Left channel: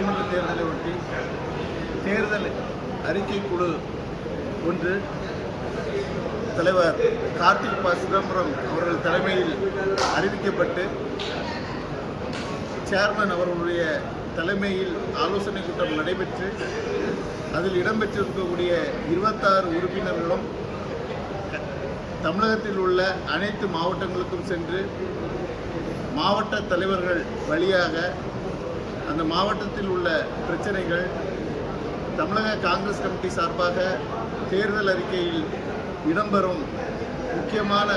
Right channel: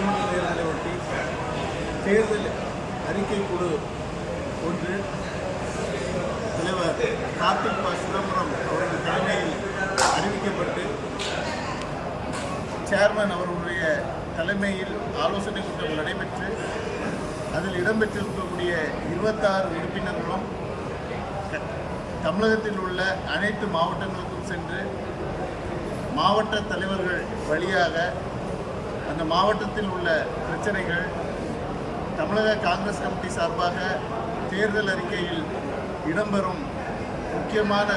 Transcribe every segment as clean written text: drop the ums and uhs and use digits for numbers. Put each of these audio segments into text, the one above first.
சட்டமன்ற தேர்தலை ஒட்டி தேர்தல் அறிக்கை குழு ஒன்று தலைவர் கார்த்திக் ப சிதம்பரம் அவர்கள் தலைமையில் அறிவிக்கப்பட்டு சேர்மன் அவர்களுடைய தலைமையில் ஆலோசனை கூட்டம் நடைபெற்று அதில் இடம்பெற்றிருக்கக்கூடிய 26 உறுப்பினர்களும் தமிழகத்தில் உள்ள அனைத்து மாவட்டங்களுக்கும் சென்று மாவட்ட தலைவர்கள் வழியாக அந்த மாவட்டத்தில் உள்ள பிரச்சனைகள் தமிழக காங்கிரஸ் கமிட்டி சார்பாக தேர்தல் அறிக்கையில் இடம்பெறும் முக்கியமான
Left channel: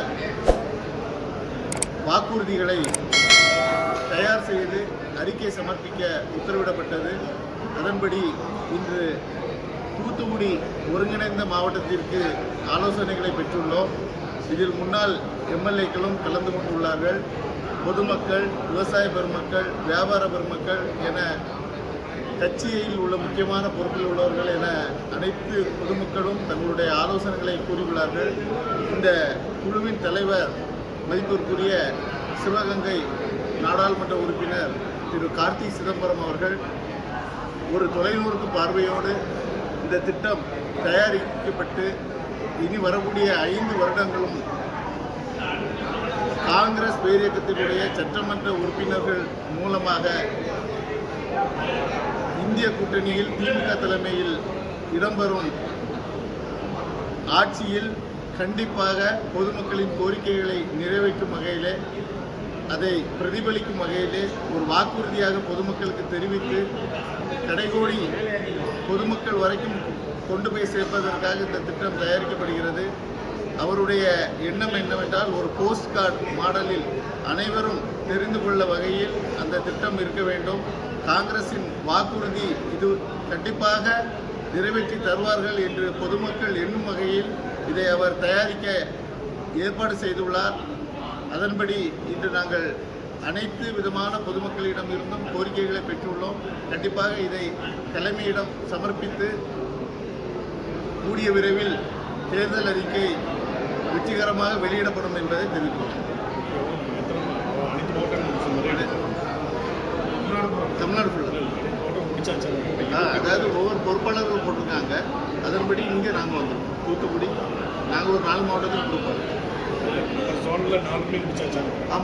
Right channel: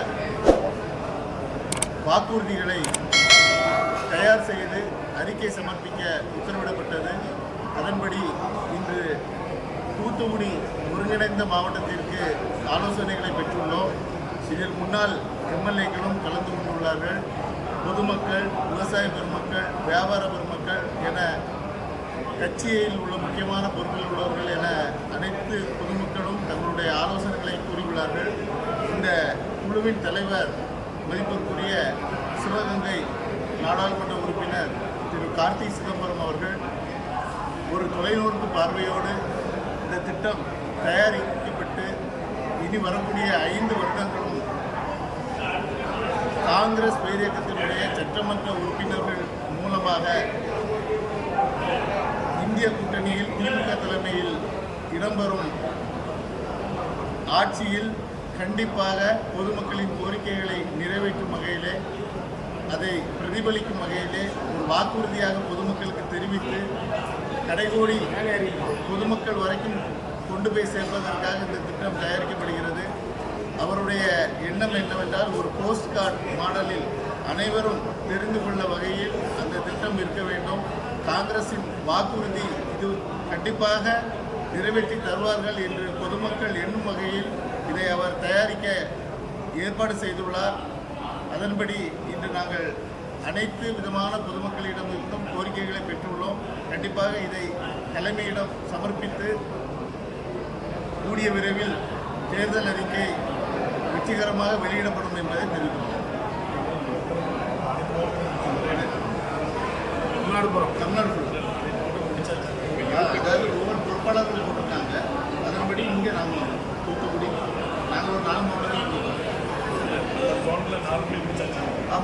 வாக்குறுதிகளை தயார் செய்து அறிக்கை சமர்ப்பிக்க உத்தரவிடப்பட்டது. அதன்படி இன்று தூத்துக்குடி ஒருங்கிணைந்த மாவட்டத்திற்கு ஆலோசனைகளை பெற்றுள்ளோம். இதில் முன்னாள் எம்எல்ஏக்களும் கலந்து கொண்டுள்ளார்கள். பொதுமக்கள், விவசாய பெருமக்கள், வியாபார பெருமக்கள் என கட்சியில் உள்ள முக்கியமான பொறுப்பில் உள்ளவர்கள் என அனைத்து பொதுமக்களும் தங்களுடைய ஆலோசனைகளை கூறியுள்ளார்கள். இந்த குழுவின் தலைவர் மதிப்பிற்குரிய சிவகங்கை நாடாளுமன்ற உறுப்பினர் திரு கார்த்திக் சிதம்பரம் அவர்கள் ஒரு தொலைநோக்கு பார்வையோடு இந்த திட்டம் தயாரிக்கப்பட்டு இனி வரக்கூடிய 5 வருடங்களும் காங்கிரஸ் பேரியக்கத்தினுடைய சட்டமன்ற உறுப்பினர்கள் மூலமாக இந்திய கூட்டணியில் திமுக தலைமையில் இடம்பெறும் ஆட்சியில் கண்டிப்பாக பொதுமக்களின் கோரிக்கைகளை நிறைவேற்றும் வகையிலே அதை பிரதிபலிக்கும் வகையிலே ஒரு வாக்குறுதியாக பொதுமக்களுக்கு தெரிவித்து கடைகோடி பொதுமக்கள் வரைக்கும் கொண்டு போய் சேர்ப்பதற்காக இந்த திட்டம் தயாரிக்கப்படுகிறது. அவருடைய எண்ணம் என்னவென்றால் ஒரு போஸ்ட் கார்டு மாடலில் அனைவரும் தெரிந்து கொள்ள வகையில் அந்த திட்டம் இருக்க வேண்டும். காங்கிரசின் வாக்குறுதி இது கண்டிப்பாக நிறைவேற்றி தருவார்கள் என்று பொதுமக்கள் எண்ணும் வகையில் இதை அவர் தயாரிக்க ஏற்பாடு செய்துள்ளார். அதன்படி இன்று நாங்கள் அனைத்து விதமான பொதுமக்களிடம் இருந்தும் கோரிக்கைகளை பெற்றுள்ளோம். கண்டிப்பாக இதை தலைமையிடம் சமர்ப்பித்து கூடிய விரைவில் தேர்தல் அறிக்கை வெற்றிகரமாக வெளியிடப்படும் என்பதை தெரிவித்துள்ளோம். தமிழ்நாடு ஃபுல்லாக அதாவது ஒவ்வொரு பொறுப்பாளர்கள் போட்டிருக்காங்க. அதன்படி இங்கே நாங்கள் வந்துருக்கோம். தூத்துக்குடி நாங்கள் ஒரு 4 மாவட்டத்தில் பொறுப்பாளர்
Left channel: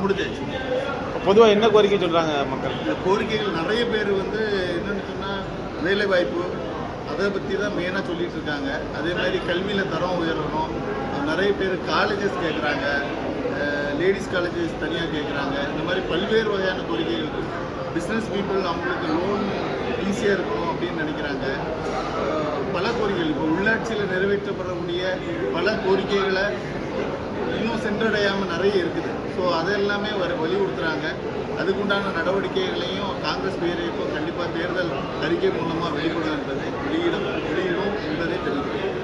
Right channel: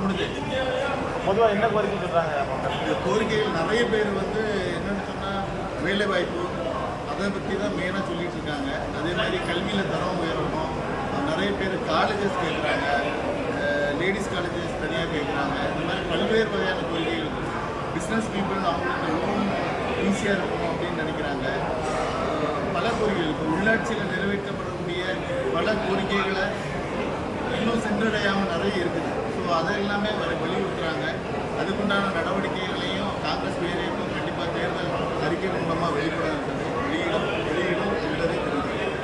முடிஞ்சாச்சு. பொதுவாக என்ன கோரிக்கை சொல்கிறாங்க மக்கள்? இந்த கோரிக்கைகள் நிறைய பேர் என்னென்னு சொன்னால் வேலை வாய்ப்பு அதை பற்றி தான் மெயினாக சொல்லிகிட்டு இருக்காங்க. அதே மாதிரி கல்வியில் தரம் உயரணும். நிறைய பேர் காலேஜஸ் கேட்குறாங்க, லேடிஸ் காலேஜஸ் தனியாக கேட்குறாங்க. இந்த மாதிரி பல்வேறு வகையான கோரிக்கைகள் இருக்குது. பிஸ்னஸ் பீப்புள் அவங்களுக்கு லோன் ஈஸியாக இருக்கணும் அப்படின்னு நினைக்கிறாங்க. பல கோரிக்கைகள் இப்போ உள்ளாட்சியில் நிறைவேற்றப்படக்கூடிய பல கோரிக்கைகளை இன்னும் சென்றடையாமல் நிறைய இருக்குது. ஸோ அதெல்லாமே வலியுறுத்துகிறாங்க. அதுக்குண்டான நடவடிக்கைகளையும் காங்கிரஸ் பேரையும் கண்டிப்பாக தேர்தல் அறிக்கை மூலமாக வெளியிடும் என்பதை தெரிவிக்கிறேன்.